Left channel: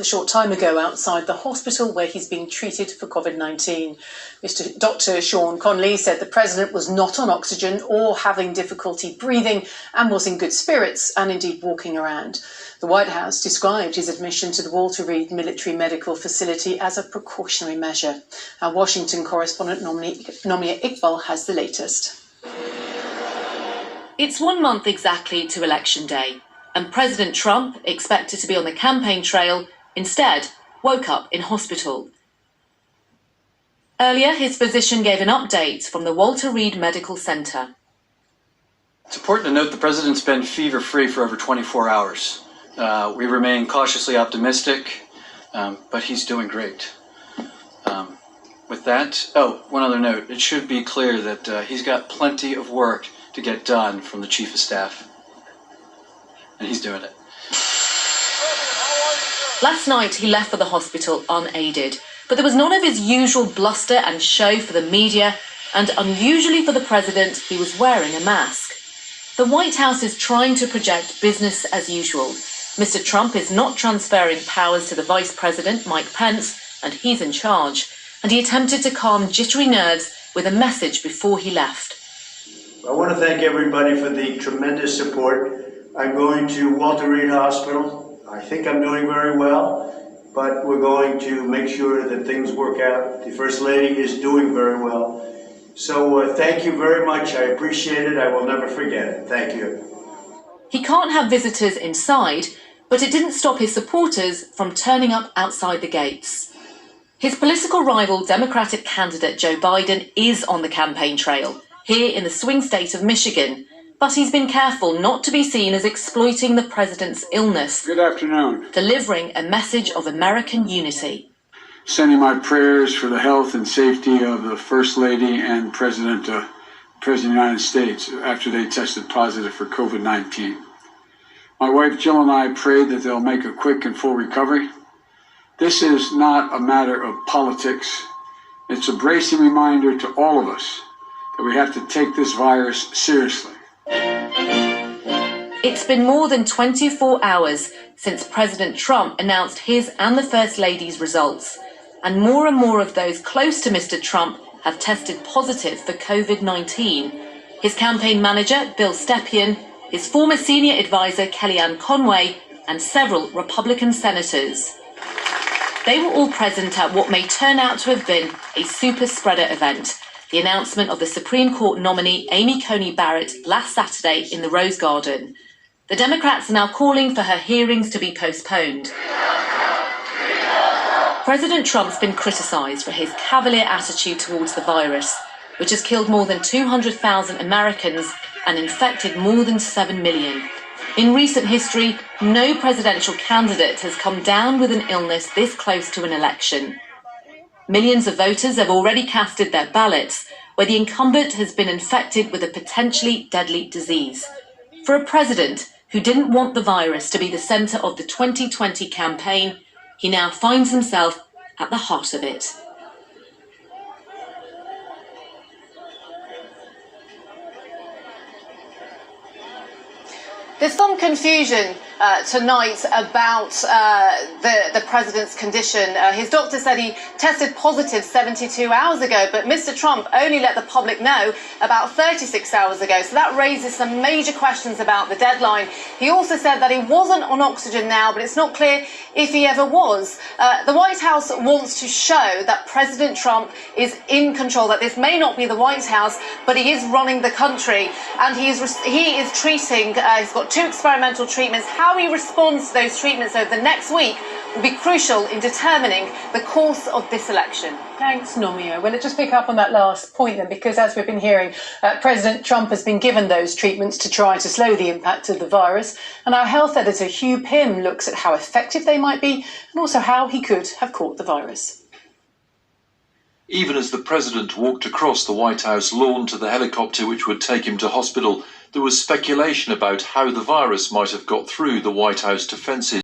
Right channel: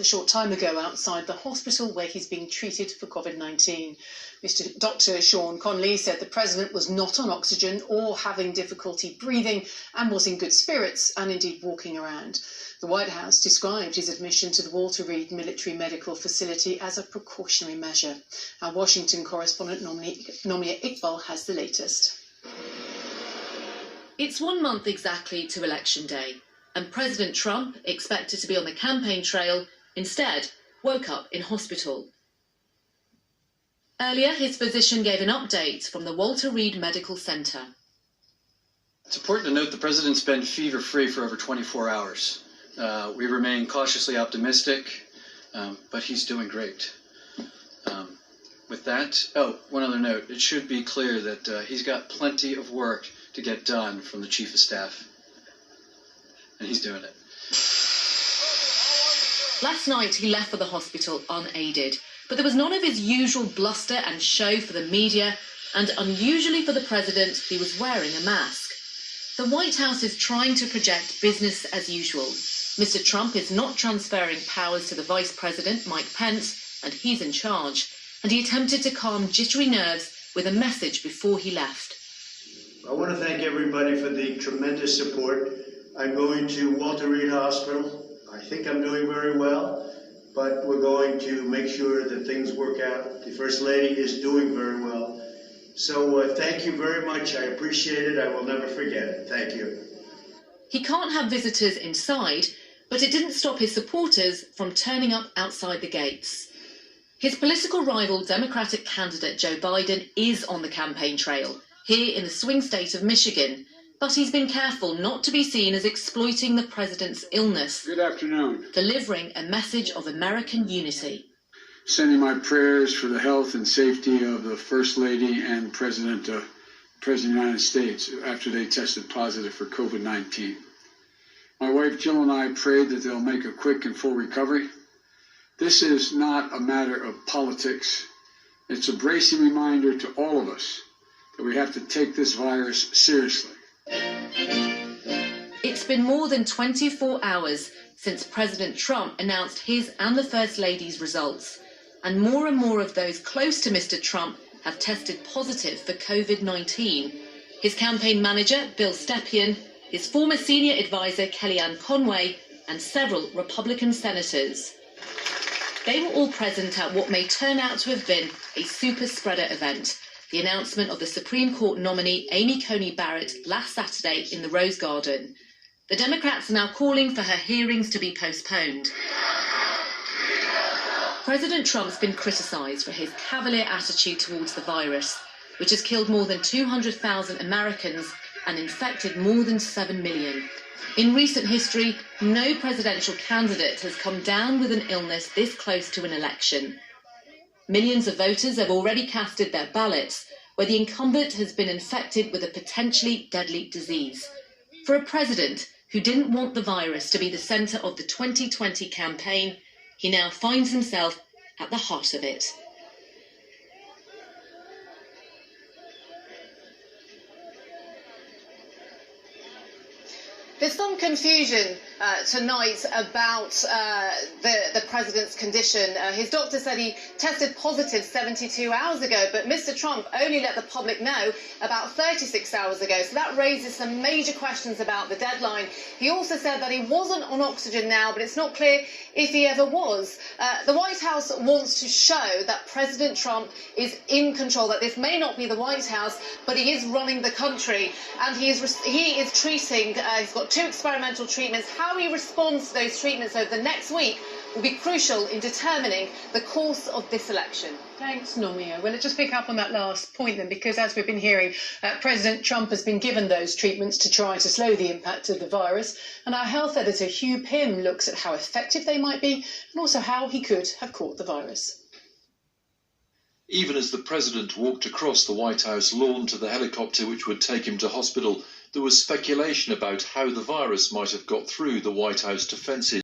a short time ago outside the hospital where he's being treated for COVID-19. Dr. Sean Conley said the president was not on oxygen or having difficulty breathing and was in good spirits and indeed walking around. The White House described his admission to the Walter Reed Military Medical Facility as a precautionary measure. Our Washington correspondent Nomia Iqbal has the latest. It's 1 month exactly to Election Day, and President Trump, expected to be on the campaign trail, instead woke up in hospital. Earlier, his physician gave an update from the Walter Reed Medical Center. It's important to note the president's been fever-free for over 24 hours. We remain cautiously optimistic, but he's doing great. With that, one other note. It should be clear that he's got plenty of work to get done from the Chief of Staff. And he's doing it. Last night, he left for the hospital unaided, but there was none of his usual bluster and show for the media, and unusually for the president, he was wearing a mask. The White House is trying to project business as usual. Mr. Trump is not transferring powers to the Vice President, Mike Pence, and he's in charge. And he attempted to calm jittery nerves with a message before he left. I want to thank everybody for the tremendous support. I'm going to Walter Reed Hospital. I think I'm doing very well, but we're going to make sure that things work out. The First Lady is doing very well. So thank you very much. I appreciate it. I will never forget it. Thank you. He can't have visitors inside, but it didn't stop his supporters from turning up outside the gates. His political rival, Democratic candidate Joe Biden, is on the campaign trail, here in the swing state of Michigan, but he's been careful not to be seen as exploiting the president's illness. Good afternoon. Delivering a message of American unity. Sending my prayers for the health and safety of the First Lady and President of the United States after they tested positive for COVID-19. My wife Jill and I pray that they'll make a quick and full recovery. This is not a matter of politics. It's a bracing reminder to all of us that we have to take this virus seriously. It's been more than 24 hours since President Trump announced his and the First Lady's results, and more of those close to Mr. Trump have tested positive for COVID-19. His campaign manager, Bill Stepien, his former senior advisor, Kellyanne Conway, and several Republican senators. They were all present at what may turn out to have been a super spreader event, the announcement of the Supreme Court nominee Amy Coney Barrett last Saturday in the Rose Garden. The Democrats are now calling for her hearings to be postponed. President Trump's been criticised for his cavalier attitude towards the virus, which has killed more than 200,000 Americans and infected more than 7 million. In recent history, no presidential candidate has come down with an illness this close to an election. Millions of voters have already casted their ballots, where the incumbent has been infected with a potentially deadly disease. For a president who didn't want the virus to be the centre of the 2020 campaign, he now finds himself at the heart of it. There's some confusion tonight about the president's condition. His doctor said he tested positive 72 hours ago, but Mr. Trump only let the public know about 36 hours ago. So that raises some major questions about the deadline. He also said that he wasn't on oxygen now, but it's not clear if he ever was. The White House wants to show that President Trump is in control, that this may not be the White House, but he is running the country. And he is treating, he's got 2 experimental treatments. How he responds to those treatments over the next week will be crucial in determining the course of this election. Thanks, Nomia. Well, let's just pick up on that last point then, because as we've been hearing, President Trump has been given those treatments to try to slow the impact of the virus. And our health editor, Hugh Pym, looks at how effective they might be and also how he could have caught the virus. Even as the president walked across the White House lawn to the helicopter which would take him to hospital, there was speculation about how the virus might have got through the White House defences.